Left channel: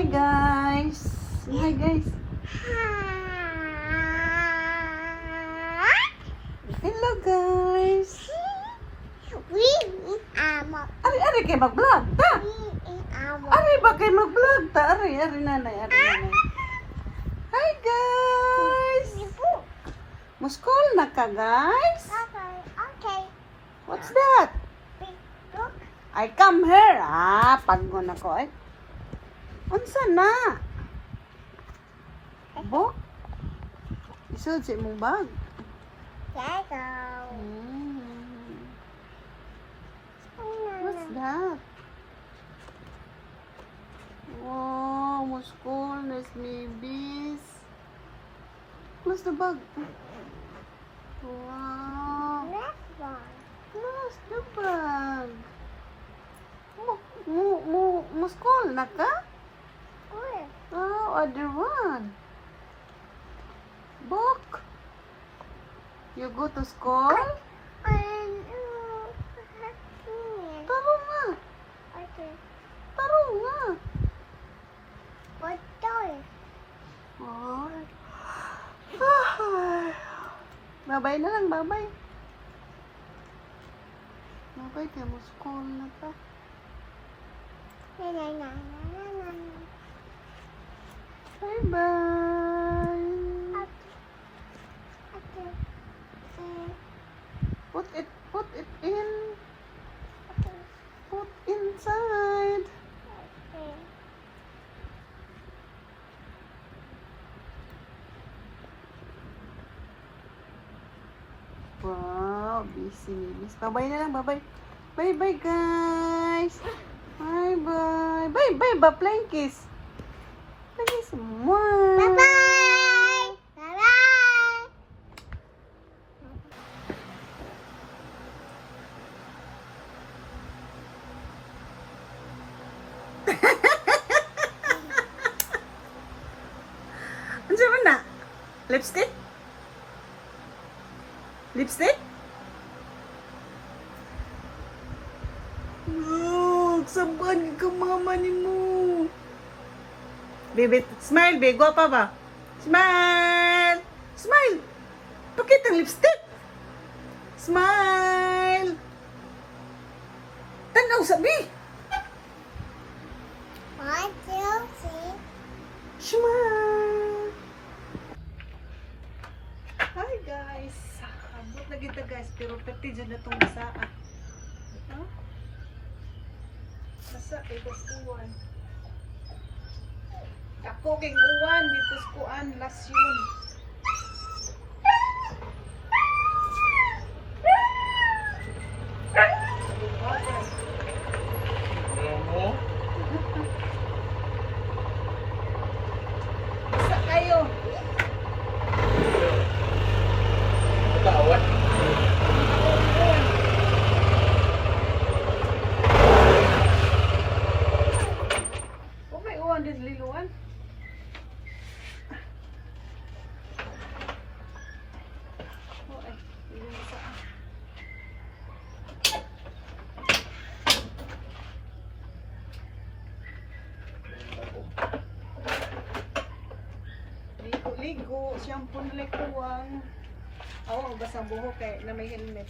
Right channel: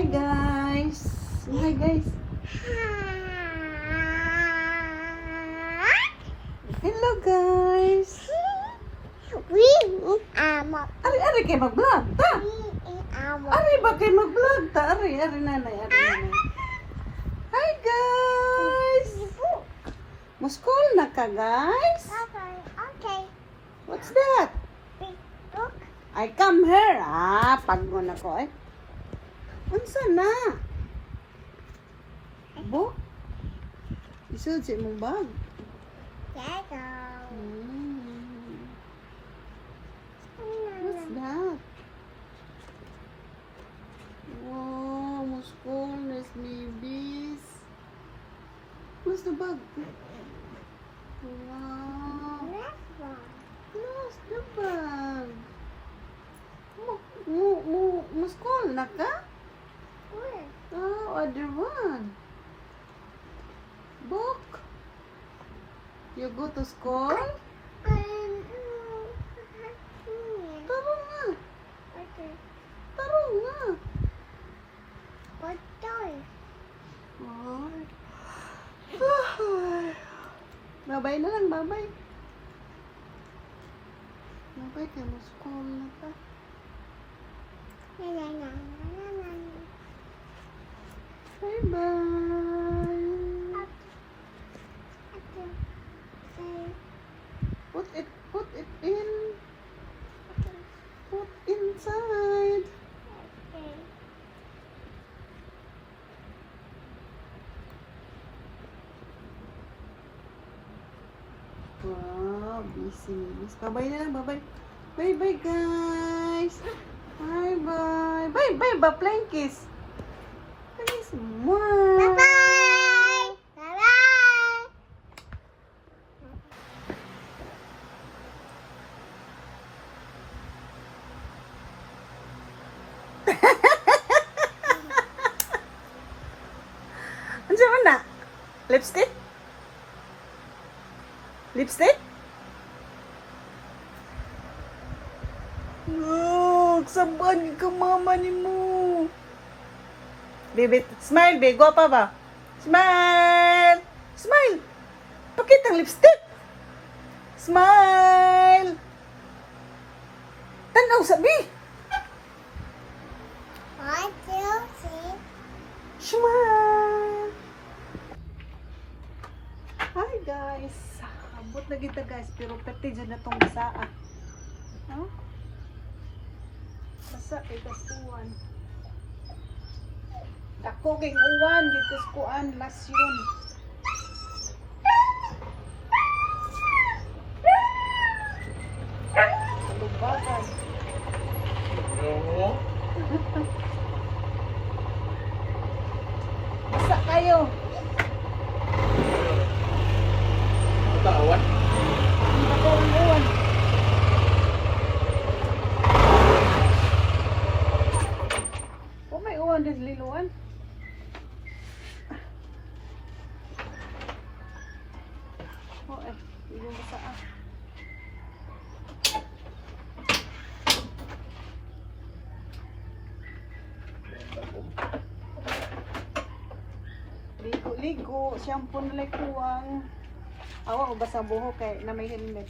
Hi guys. Hi guys. Hello guys. Ari kay mag-vlog ta. Ari ba kay mag-vlog ta? Ari nanay. Hi guys. Muskol na ka guys. Okay. What's that? I come here. Pagod ako eh. Unsa na? Book? Isod sa imong bag. What's that? Wow, muskol, nice babies. What's the bag? Wow. What's the bag? Muskol na ka? Oh, other one. Book. You go to school? Taro nga. Taro nga. Oh. Babay na lang, babay. Babay kay muskol na ta. Bye-bye. Put it in. Put inside. Wow, busy. Bye-bye na lang, bye-bye. Bye-bye, guys. Bye-bye. Bye-bye ba, playing kiss? Please, mwah. Ano siya man na? Lipstick? Lipstick? Look, saban ka mama ni mo. Baby, smile, baby. Gwapa ba? Smile! Smile! Pakita ang lipstick. Smile! Tanaw, sabi. Smile! Hi guys. Abot na kita guys. Pero pati dyan na itong basaa. Huh? Basa kay uwan. Dako kay uwan. Dito sa kuan. Last yun. Salubagan. Basa kayo. Uwan. Oh, may uwan din liluan. Oh, hindi mo saan. Ligo, shampoo na like tuwang. Awa, basa buhok kay na may helmet.